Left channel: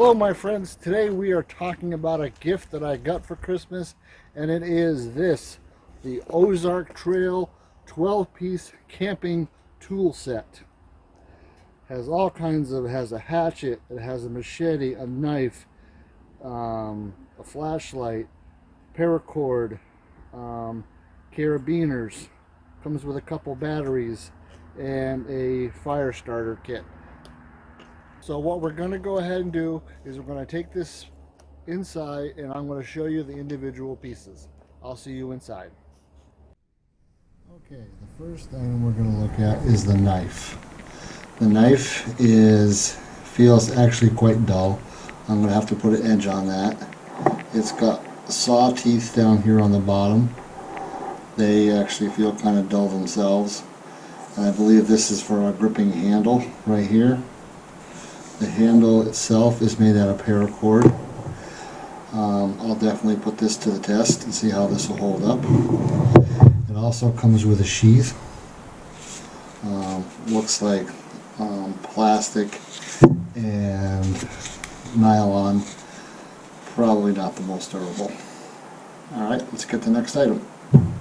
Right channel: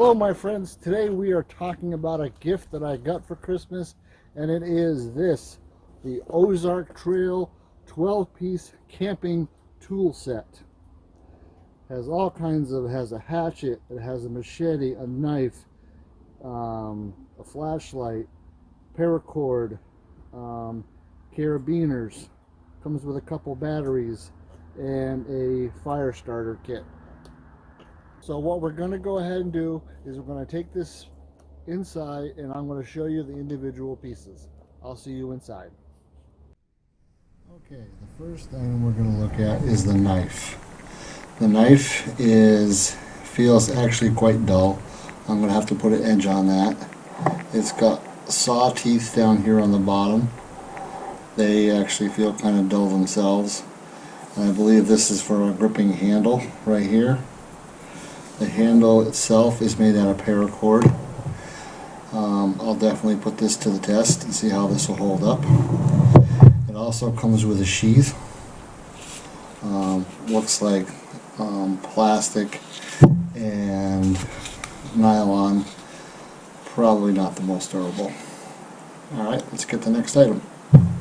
Hello my friends, today we are talking about a gift that I got for Christmas, and it is this, the Ozark Trail 12-piece camping tool set. Has all kinds of, it has a hatchet, it has a machete, a knife, a flashlight, paracord, carabiners, comes with a couple batteries, and a fire starter kit. So what we're going to go ahead and do is we're going to take this inside and I'm going to show you the individual pieces. I'll see you inside. Okay, the first thing we're going to look at is the knife. The knife feels actually quite dull. I'm going to have to put an edge on that. It's got saw teeth down here on the bottom. They actually feel kind of dull themselves. And I believe this is for a gripping handle right here. The handle itself is made out of paracord. I'll definitely put this to the test and see how this will hold up. It also comes with a sheath. Looks like plastic and nylon. Probably not the most durable. Alright, let's get the next item.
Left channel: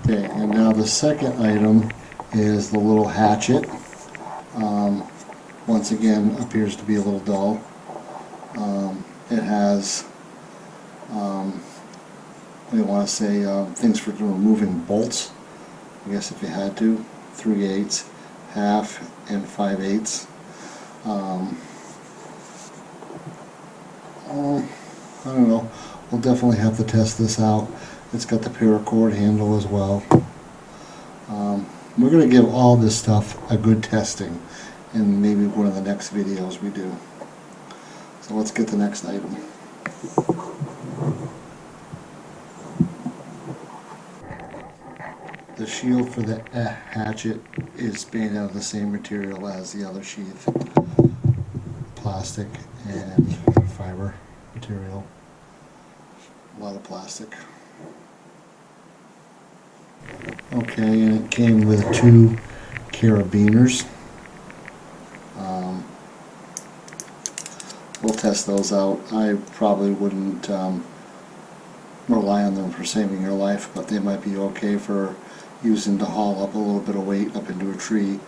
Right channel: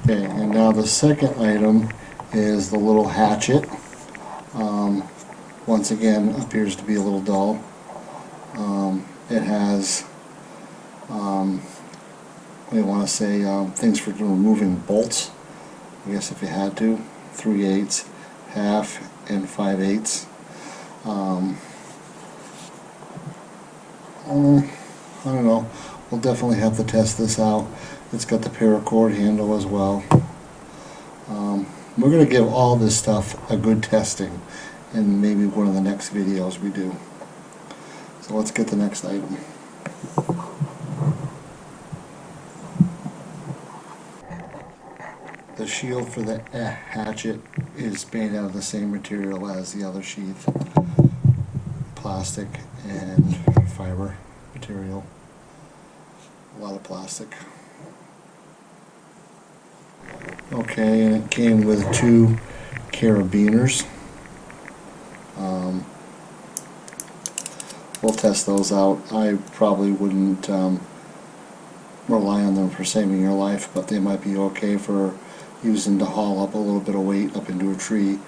Okay, and now the second item is the little hatchet. Once again, appears to be a little dull. It has, we want to say, things for removing bolts. I guess if you had to, 3/8, half, and 5/8. I don't know. We'll definitely have to test this out. It's got the paracord handle as well. We're going to give all this stuff a good testing in maybe one of the next videos we do. So let's get the next item. The shield for the hatchet is made out of the same material as the other sheath. Plastic and fiber material. A lot of plastic. Okay, and it came with 2 carabiners. We'll test those out. I probably wouldn't rely on them for saving your life, but they might be okay for using to haul up a little bit of weight up into a tree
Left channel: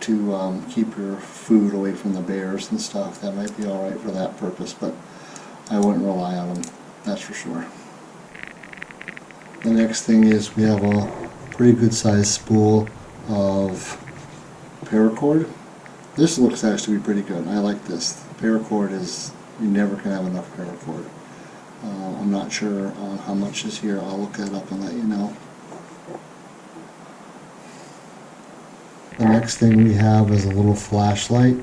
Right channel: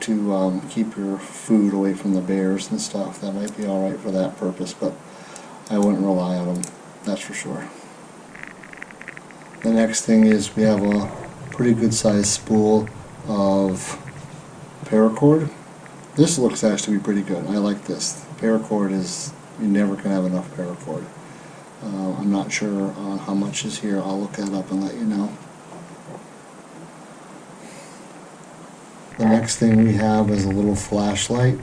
to keep your food away from the bears and stuff. That might be alright for that purpose, but I wouldn't rely on them, that's for sure. The next thing is we have a pretty good sized spool of paracord. This looks actually pretty good. I like this. Paracord is, you never can have enough paracord. I'm not sure on how much is here. I'll look that up and let you know. The next thing we have is a little flashlight.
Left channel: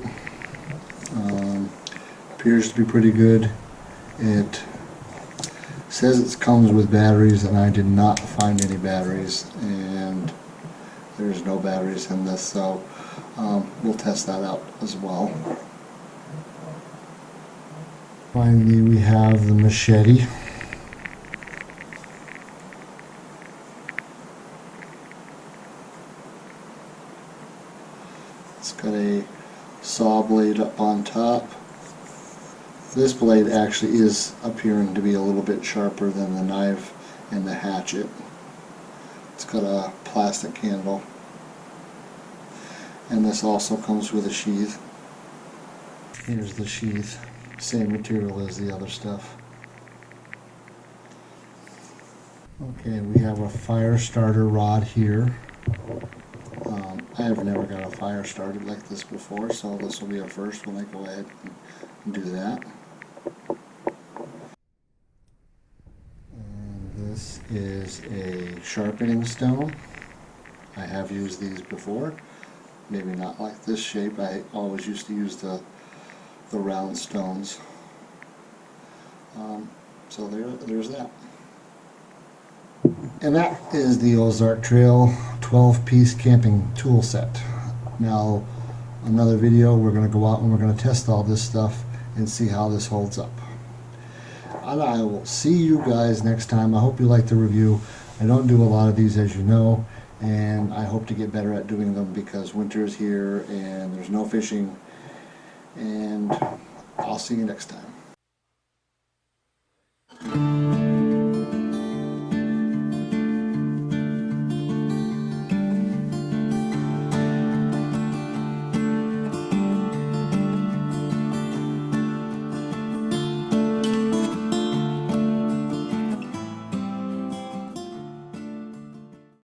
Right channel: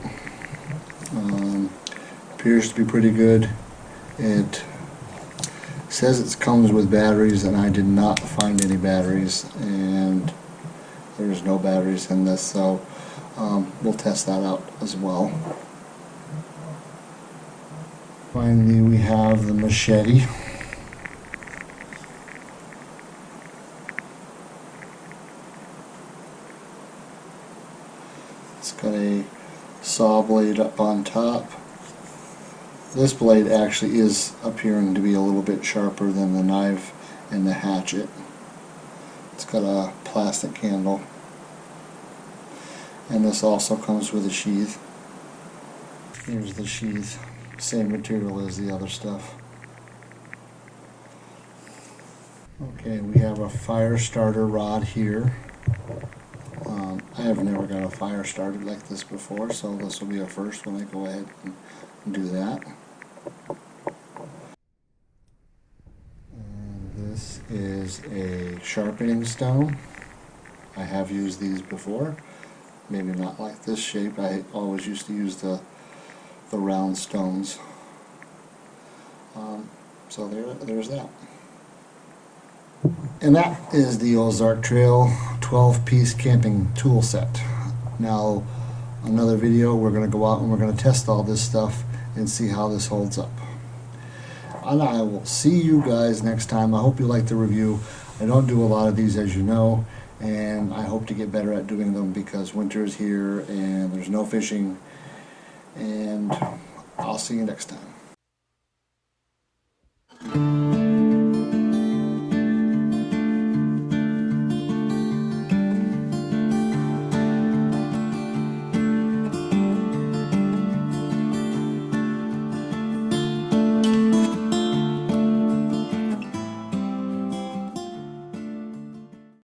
Appears to be pretty good. It says it comes with batteries, and I did not find any batteries, and there's no batteries in this, so we'll test that out as well. Finally, we have the machete. It's got a saw blade up on top. This blade actually is appearing to be a little bit sharper than the knife and the hatchet. It's got a plastic handle. And this also comes with a sheath. Here's the sheath. Same material as the other stuff. Okay, we have a fire starter rod here. I have never got a fire started like this before, so this will be a first when I go ahead and do that. And this is a sharpening stone. I have used these before. Maybe not like this shape. I always used to use the round stones. So there's that. And that is the Ozark Trail 12-piece camping tool set. Now, another video, we're going to go out and we're going to test all this stuff and see how this holds up. And I will see you guys next time. I hope you like the review. I don't do a lot of these, as you know, and I hope to get better at doing them because winter is here and there's no fishing. And I'll see you next time.